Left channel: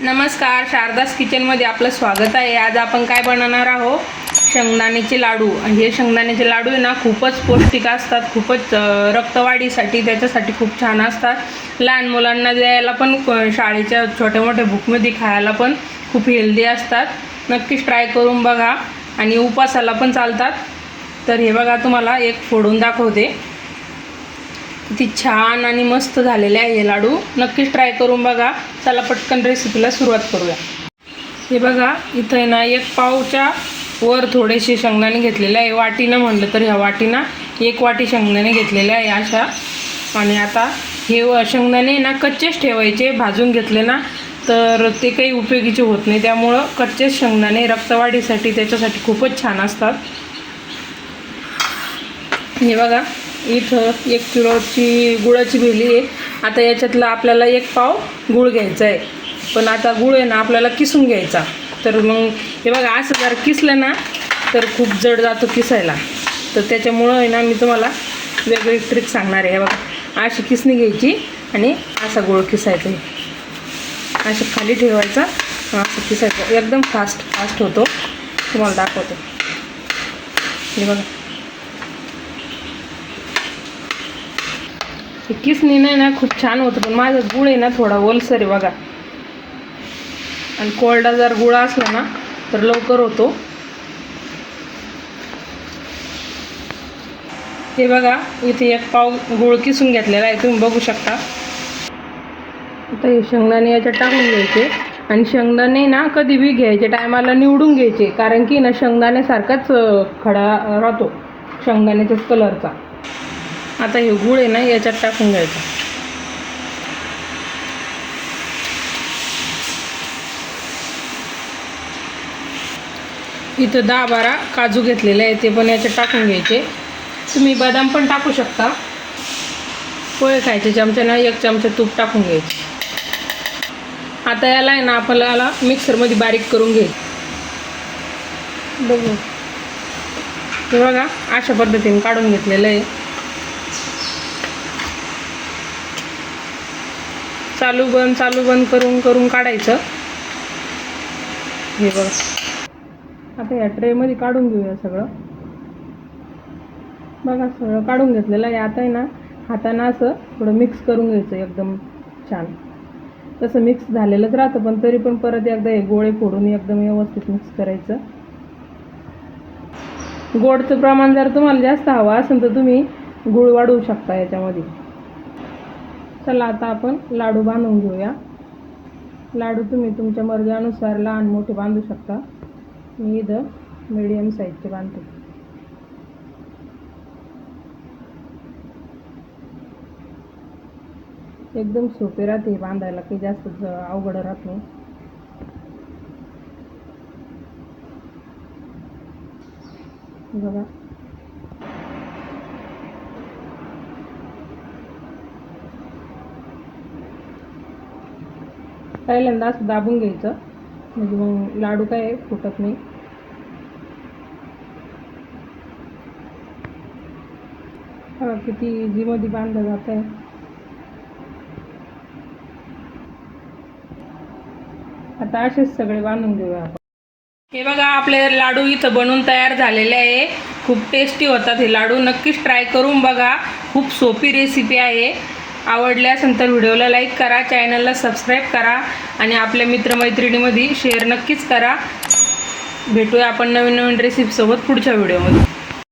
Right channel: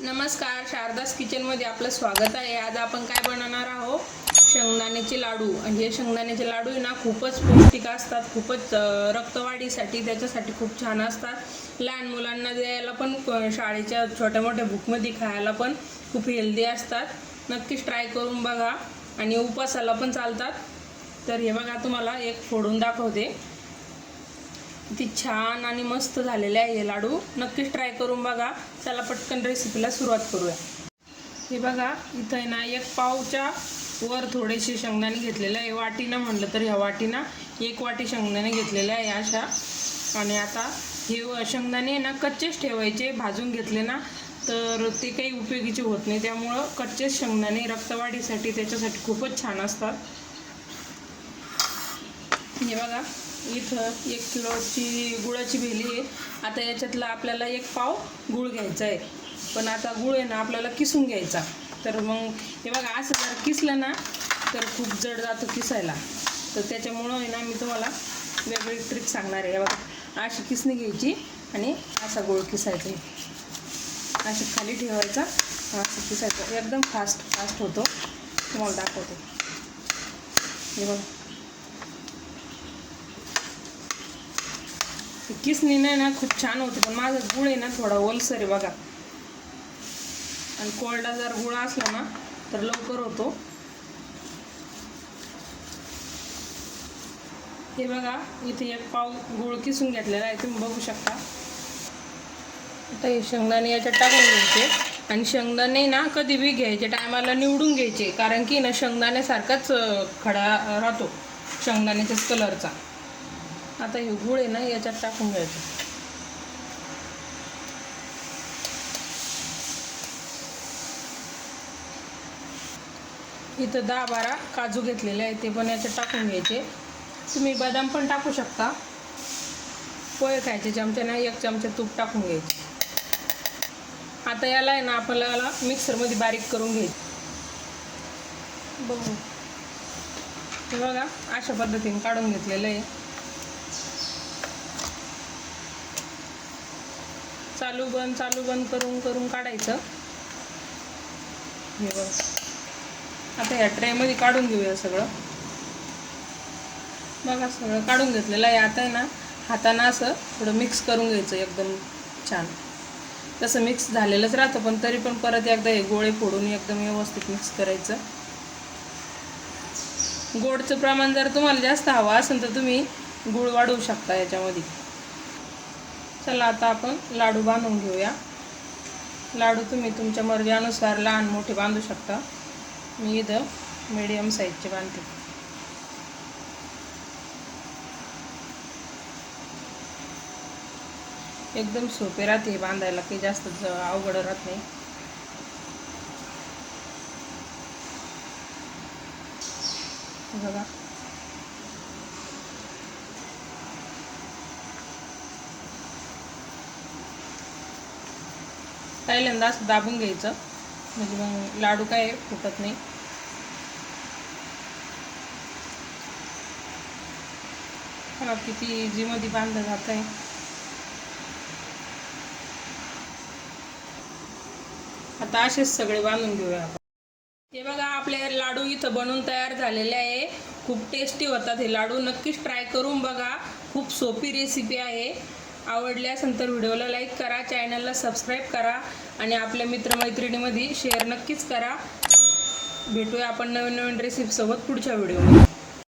नमस्कार शारदास किचनमध्ये आपलं स्वागत आहे. आज आपण काय बनवणार आहोत? शेंगदाण्याचे लाडू. हे शेंगदाण्याचे लाडू आहे ना खूपच पौष्टिक असतात खूपच रक्तवाढीसाठी त्याच्यासाठी खूप छान असतात. लहान मुलांना द्यायला पण शाळेच्या छोट्या मोठ्या बुकमध्ये खायला पण खूप हेल्दी असतात. नक्कीच ट्राय करून बघा. आणि उपासाला पण चालतात. तर हे बघा तुम्हाला एक फोडून दाखवते. किती छान आणि मस्त झालेले आहे हे लाडू. नक्कीच ट्राय करून बघा. चला पटकन रेसिपीला सुरुवात करूया. हे बघा इथं आहे ना एक पावच्या वर थोडेसे शेंगदाणे घेतलेले आहे. वाटीनं म्हणलं तर ह्या वाटीनं एक वाटी शेंगदाणे घेतलेले आहे अशा. आणि आता हे शेंगदाणे ना कच्चेच ठेवायचे भाजून घेतले ना तर ते काही उपयोगीचे होत नाही. त्यामुळं कच्चेच शेंगदाणे रक्तवाढीसाठी त्याच्यासाठी खूपच छान असतात. हे बघा इथं एक किलोची गुळाची भेली आहे. आता याच्यातला आपल्याला एक पाव गुळ घ्यायचा आहे. पण आता गुळ आहे ना आपल्याला किसून घ्यायचा. तर मग हे बघा असं जर किसलं ना तर खूप जड जातो किसायला. तर त्याच्यामुळं आहे ना मी तुम्हाला वेगळी ट्रिक सांगणार आहे. हे बघा अशी किसणी घ्यायची आणि असा गुळ किसायचा आहे. असं खाली ठेवायचा असं किसायचं. एकदम फास्ट फास्ट होतो. तुम्हाला दाखवतो. हे बघा. किसनी नाही ना खूप छान होतं पण माझा गुळ आहे ना थोडा ओलसर आहे बघा आणि कोरडा जर गुळ असला ना तर लवकर होतो हे बघा इथे एक पाव गुळ किसून घेतलेला आहे तुम्ही बघू शकता आता हे शेंगदाणे याच्यात टाकून घ्यायचे आणि शेंगदाणे ना कधी बी घ्यायचे टायमाला निवडून घ्यायचे कारण की ना शेंगदाण्यासारखाच खडा राहतो शेंगदाण्याच्याच कलरचा आता हे गुळ आहे ना याच्यात टाकून घ्यायचं. इथं दहा बारा काजू घेतलेले आहे ते पण याच्यात टाकून घ्यायचे. तुम्ही बदाम पण टाकू शकता. पोहे खायचे चमच्यानं एक चमचा तूप टाकून घ्यायचे. आता याला आहे ना आपल्याला मिक्सरमध्ये बारीक करून घ्यायचं बघू. बघा अशा पद्धतीने काढून घेतलेलं आहे. चालू बंद चालू बंद करून करून काढायचं. हे बघ. आता या ट्रेमध्ये काढून घेऊया सगळं. बघा सगळं काढून घेतलेलं आहे. आता आहे ना हातानं असं थोडं मिक्स करून घ्यायचं एकदम छान. तसं मिक्स झालेलंच राहतं पण तरी पण परत एकदा हे गोळे फोडून एकदम व्यवस्थित मिक्स करायचं. गोडचं प्रमाण जर तुम्हाला जास्त हवं असेल तर तुम्ही गुळ वाढवू शकता याच्यामध्ये. चला आता आपण लाडू बांधून घेऊया. लाडू तुम्ही तुमच्या मर्जीनुसार लहान मोठे बांधू शकता. मी इथं मीडियम साईजचे बांधते. एकदम सोपे राहते बांधायला काही जास्त अवघड राहत नाही. बघा. पहिल्यांदा असं दाबून घ्यायचं. म्हणजे मग लाडू काय फुटत नाही. हा किती इझीमध्ये बांधलं जात आहे आता असेच सगळे बांधून घेऊया आपण. हे बघा आपले लाडू इथं बनवून तयार झालेले आहे. खूप टेस्टी होतात हे लाडू. नक्कीच ट्राय करून बघा. खूप सोपी रेसिपी आहे. आवडल्यास नंतर व्हिडिओला लाईक करा चॅनलला सबस्क्राईब करा आणि आपल्या मित्रमैत्रिणीमध्ये शेअर नक्कीच करा. भेटूया आपण नवीन नवीन रेसिपीसोबत पुढच्या व्हिडिओमध्ये.